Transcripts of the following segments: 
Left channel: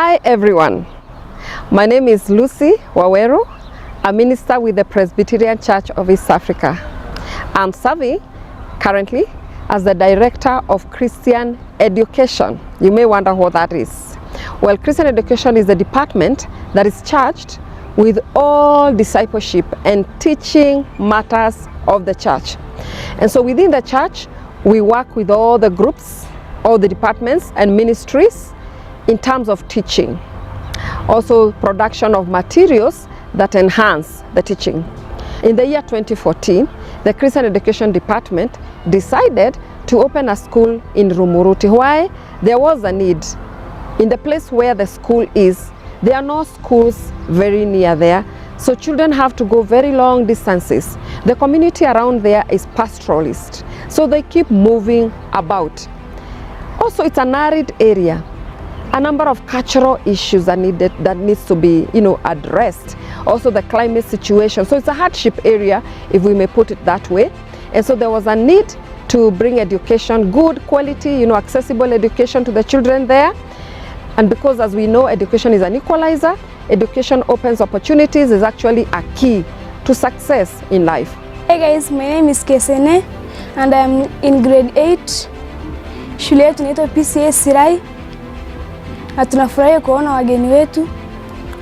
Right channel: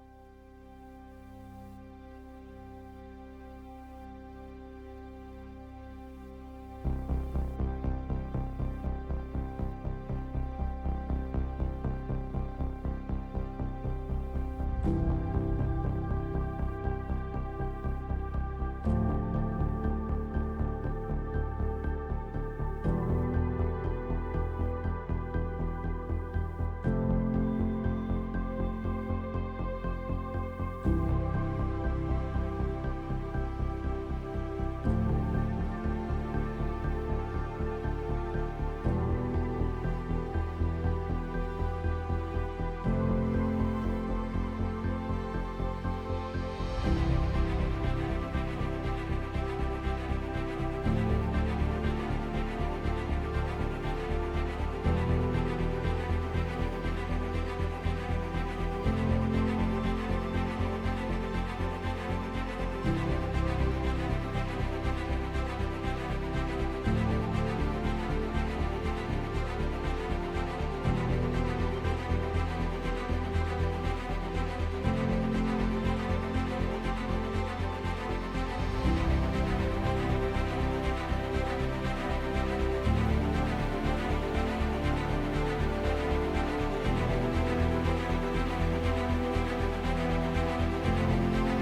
Hi everyone, my name is Lucy Waweru, a minister with the Presbyterian Church of East Africa. I'm serving currently as the Director of Christian Education. You may wonder what that is. Well, Christian Education is the department that is charged with all discipleship and teaching matters of the church. And so within the church, we work with all the groups, all the departments and ministries in terms of teaching. Also production of materials that enhance the teaching. In the year 2014, the Christian Education Department decided to open a school in Rumuruti. Why? There was a need. In the place where the school is, there are no schools very near there, so children have to go very long distances. The community around there is pastoralist, so they keep moving about. Also, it's an arid area. A number of cultural issues that needs to be, addressed. Also the climate situation. So it's a hardship area, if we may put it that way. And so there was a need to bring education, good quality, accessible education to the children there. And because, as we know, education is an equalizer, education opens opportunities, is actually a key to success in life. Hey guys, my name is Kesene and I'm in grade 8. Shule yetu inaitwa PCA Sirai. Na tunafurahia kuona wageni wetu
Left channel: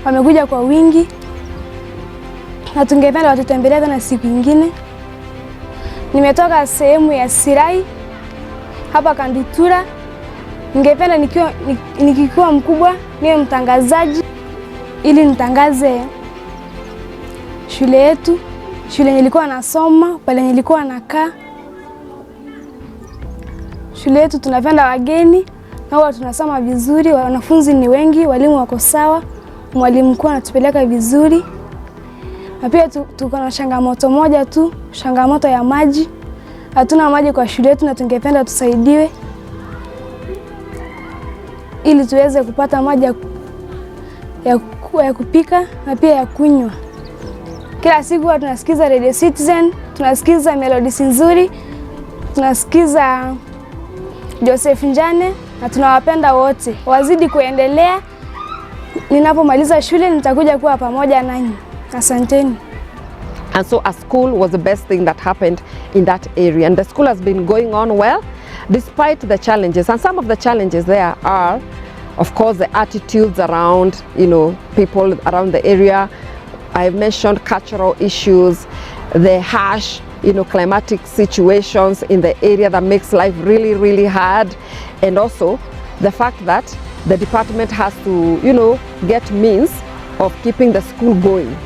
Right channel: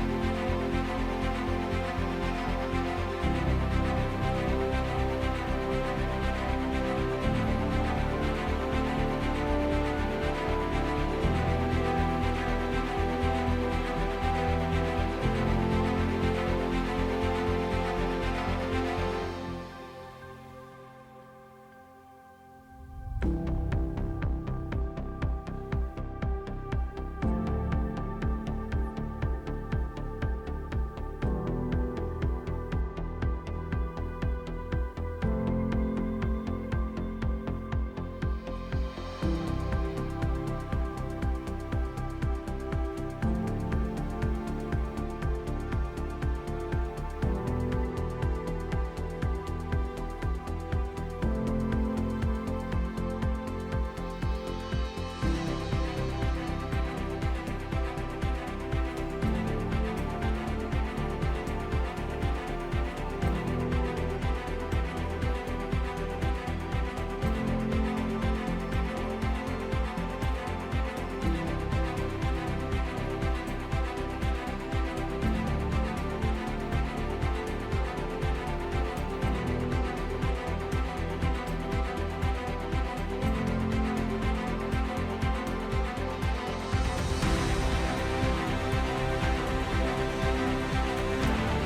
wamekuja kwa wingi, na tungependa watutembelee tena siku nyingine. Nimetoka sehemu ya Sirai hapa Kandutura. Ningependa nikikuwa mkubwa niwe mtangazaji ili nitangaze shule yetu, shule nilikuwa nasoma, pale nilikuwa nakaa. Shule yetu tunapenda wageni. Na huwa tunasoma vizuri, wanafunzi ni wengi, walimu wako sawa, mwalimu mkuu anatupeleka vizuri. Na pia tuko na changamoto moja tu, changamoto ya maji. Hatuna maji kwa shule yetu na tungependa tusaidiwe ili tuweze kupata maji ya kupika na pia ya kunywa. Kila siku tunasikiza Radio Citizen, tunasikiza melodies nzuri, tunasikiza Joseph Njane, na tunawapenda wote. Wazidi kuendelea. Ninapomaliza shule nitakuja kuwa pamoja nanyi. Asanteni. And so a school was the best thing that happened in that area. And the school has been going on well despite the challenges. And some of the challenges there are, of course, the attitudes around, people around the area. I've mentioned cultural issues, the harsh climatic situations in the area that makes life really, really hard. And also the fact that the department has to, get means of keeping the school going.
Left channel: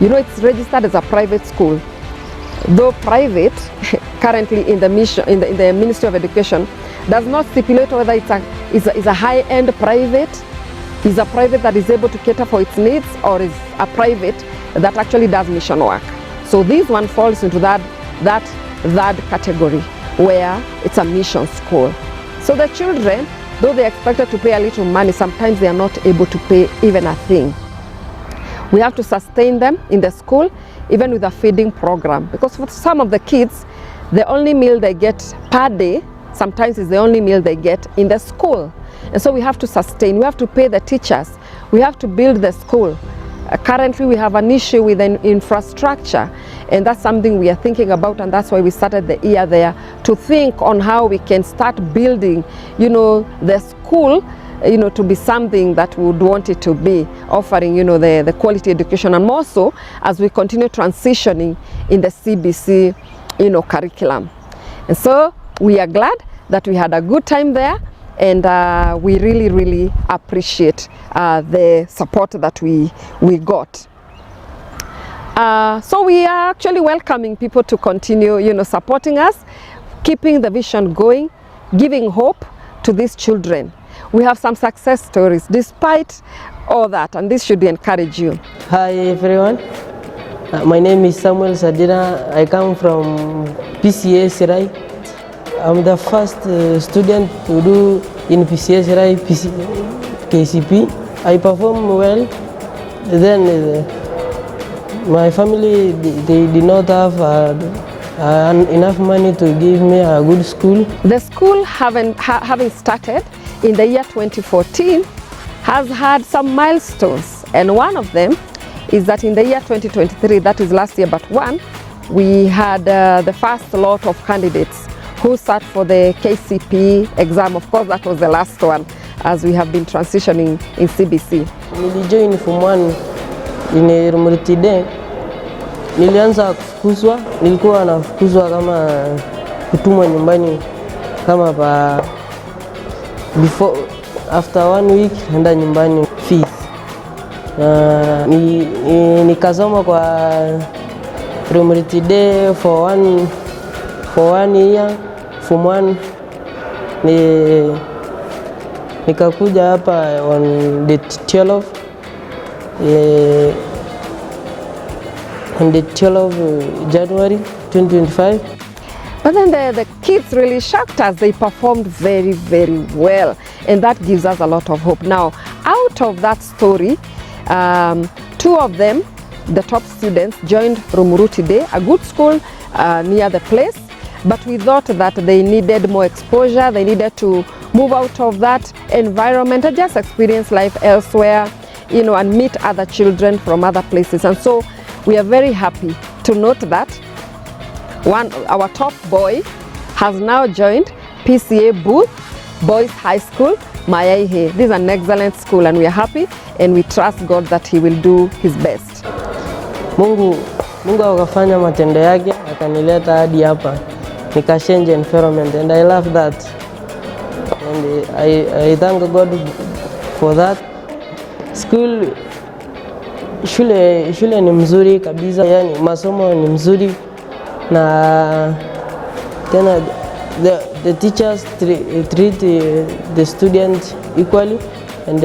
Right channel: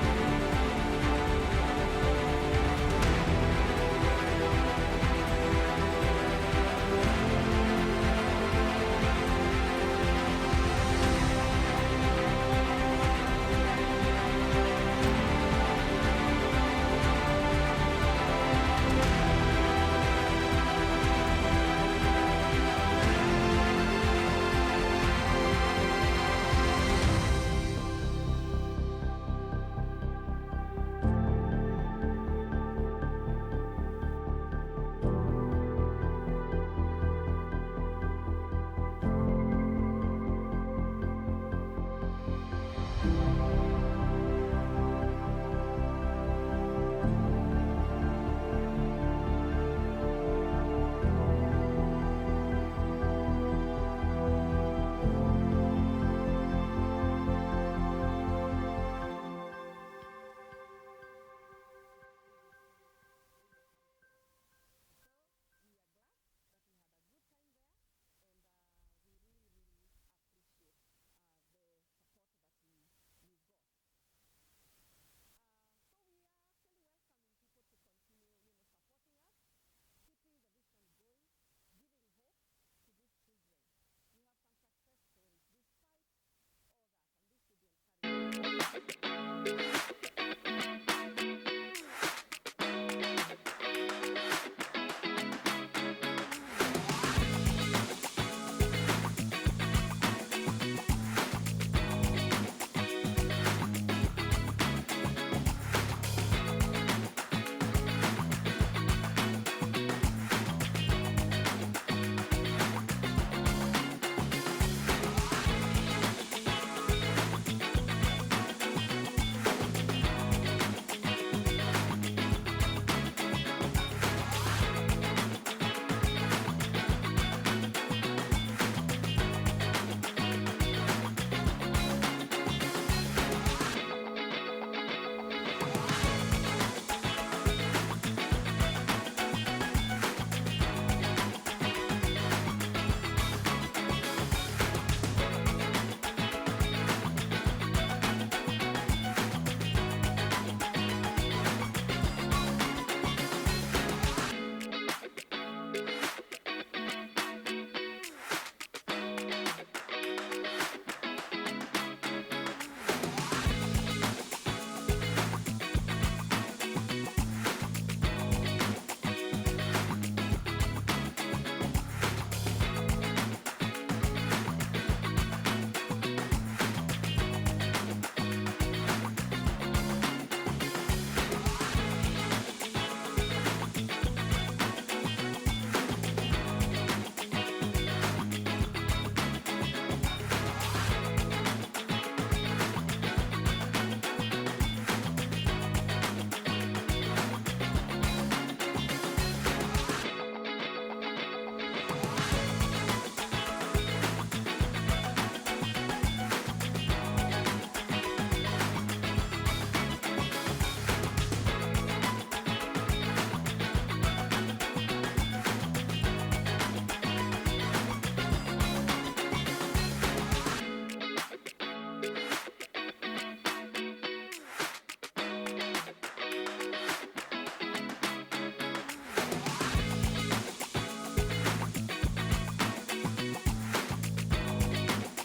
It's registered as a private school. Though private, currently in the Ministry of Education, does not stipulate whether it's a high-end private, is a private that is able to cater for its needs, or is a private that actually does mission work. So this one falls into that category where it's a mission school. So the children, though they're expected to pay a little money, sometimes they are not able to pay even a thing. We have to sustain them in the school, even with a feeding program, because for some of the kids, the only meal they get per day sometimes is the only meal they get in the school. And so we have to sustain, we have to pay the teachers, we have to build the school. Currently we have an issue with an infrastructure, and that's something we are thinking about, and that's why we started the year there to think on how we can start building, the school, to be something that we would want it to be, offering, the quality education, and more so as we continue transitioning in the CBC, curriculum. And so we are glad that we had a good time there. And we really, really appreciate the support that we got. So we are actually welcoming people to continue, supporting us, keeping the vision going, giving hope to these children. We have some success stories despite all that, and this should encourage you. Hi everyone, my name is Samuel Sadira. I come from PCA Sirai. I'm the first student to do in PCA Sirai KCP. I perform well. Then my family, they did not have enough money to give me a good school. The school having started in the year 2014 has had some milestones, and one of them is that in the year 2023, that is last year but one, we had the first lot of candidates who sat for the KCPE exam. Of course, that was the last one as we have been transitioning in CBC. Nilijoin Form 1 in Rumurutide. Nilianza kufukuzwa, nilikuwa nafukuzwa kama kutumwa nyumbani kama after 1 week nenda nyumbani fees. Nikasoma kwa Rumurutide for one year, Form 1 nikakuja hapa on the 12th January 2025. But then the kids really shocked us. They performed very, very well, and that gives us a lot of hope. Now, out of that story, 2 of them, the top students, joined Rumurutide, a good school near the place, but we thought that they needed more exposure. They needed to move out of that environment and just experience life elsewhere, you know, and meet other children from other places. And so we are very happy to note that our top boy has now joined PCA Booth Boys High School, Mayaihe. This is an excellent school, and we are happy and we trust God that he will do his best. Mungu akafanya matendo yake, akanileta hadi hapa. Nika change environment, and I love that. And I thank God for that. Shule ni mzuri kabisa, yani masomo ni mzuri, na tena the teachers treat the students equally, and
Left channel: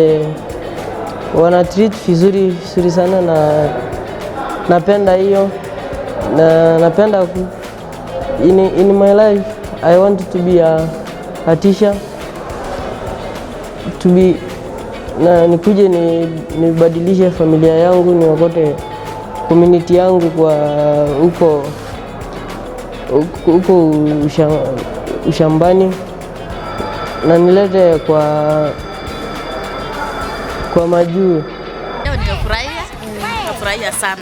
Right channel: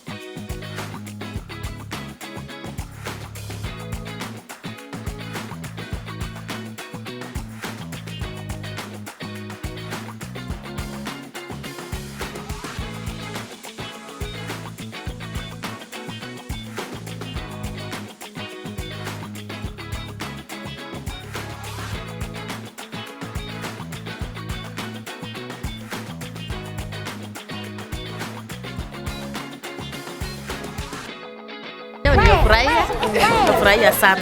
wana treat vizuri sana, na napenda hiyo, na napenda in my life I want to be a teacher, to be na nikuje nibadilishe familia yangu, niokote community yangu kwa huko ushambani, na nilete kwa majuu. Leo nimefurahia sana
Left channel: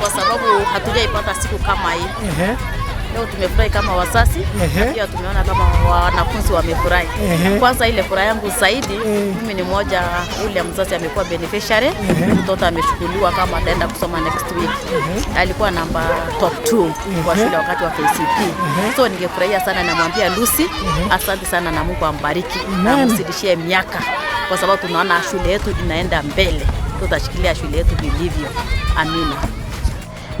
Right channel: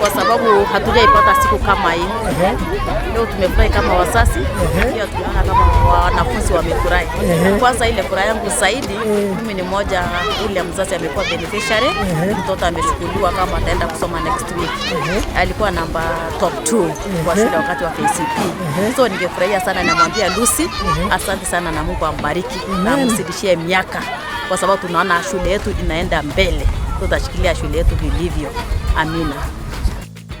kwa sababu hatujaipata siku kama hii. Leo tumefurahi kama wazazi, pia tumeona kama wanafunzi wamefurahi. Kwanza ile furaha yangu zaidi, mimi ni mmoja ule mzazi amekuwa beneficiary, mtoto ameshukuliwa kama ataenda kusoma next week. Alikuwa namba top 2 kwa shule wakati wa KCP. So ningefurahia sana, namwambia Lucy, asante sana na Mungu ambariki na msidishie miaka, kwa sababu tunaona shule yetu inaenda mbele. Tutashikilia shule yetu vilivyo. Amina.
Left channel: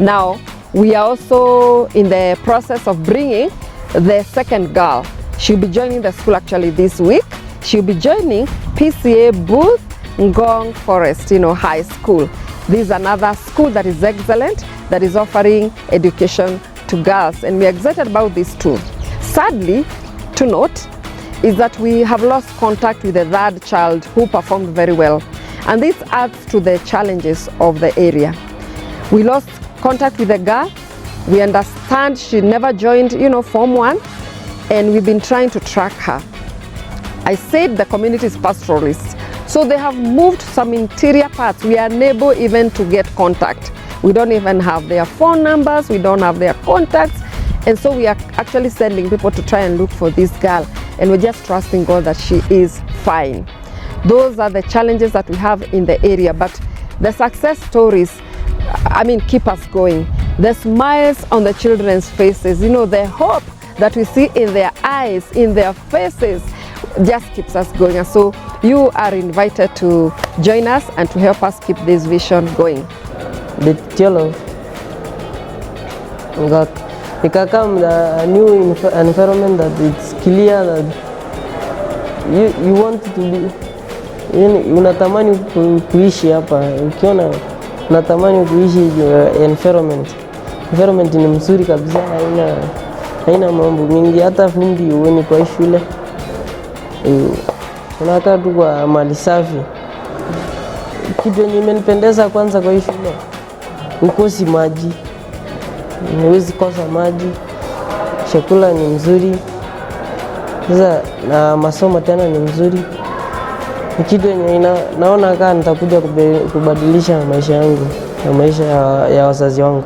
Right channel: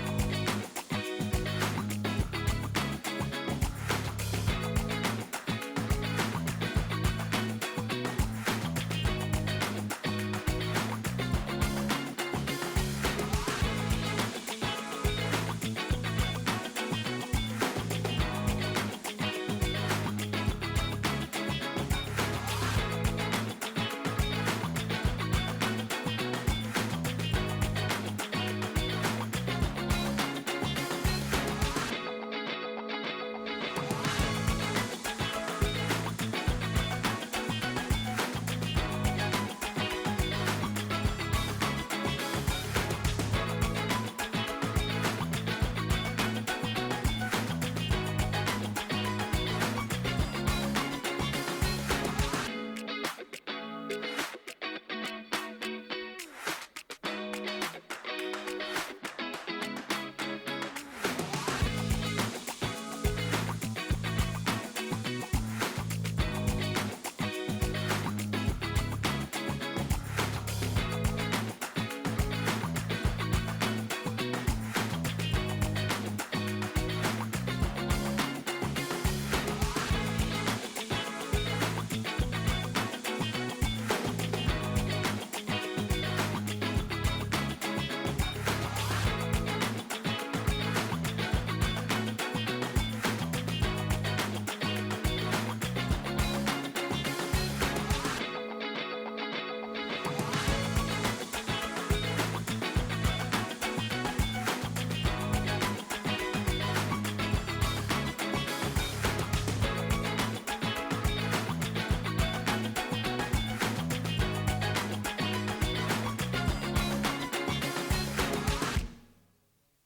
Now, we are also in the process of bringing the second girl. She'll be joining the school actually this week. She'll be joining PCA Booth Ngong Forest, High School. This is another school that is excellent, that is offering education to girls, and we're excited about this too. Sadly, to note, is that we have lost contact with the 3rd child who performed very well. And this adds to the challenges of the area. We lost contact with the girl. We understand she never joined, Form 1, and we've been trying to track her. I said the community is pastoralist, so they have moved some interior parts. We are unable even to get contact. We don't even have their phone numbers. We don't have their contacts. And so we are actually sending people to try and look for this girl, and we're just trusting God that she is fine. Those are the challenges that we have in the area, but the success stories, keep us going. The smiles on the children's faces, the hope that we see in their eyes, in their faces, just keeps us going. And so you are invited to join us and to help us keep this vision going. The children got a new environment that it's clear that you want to be. Unatamani kuishi hapa, ukiona unatamani kuishi environment. Environment ni mzuri kabisa, haina mambo mingi, hata vumbi uone kwa shule. Unakaa tu kwa mali safi. Kitu imenipendeza kwanza kwa shule, ukosi maji. Huwezi kosa maji. Chakula ni mzuri. Sasa na masomo tena ni mzuri. Ni kitu yenye naona kama nitakuja kubadilisha maisha yangu na maisha ya wazazi wangu.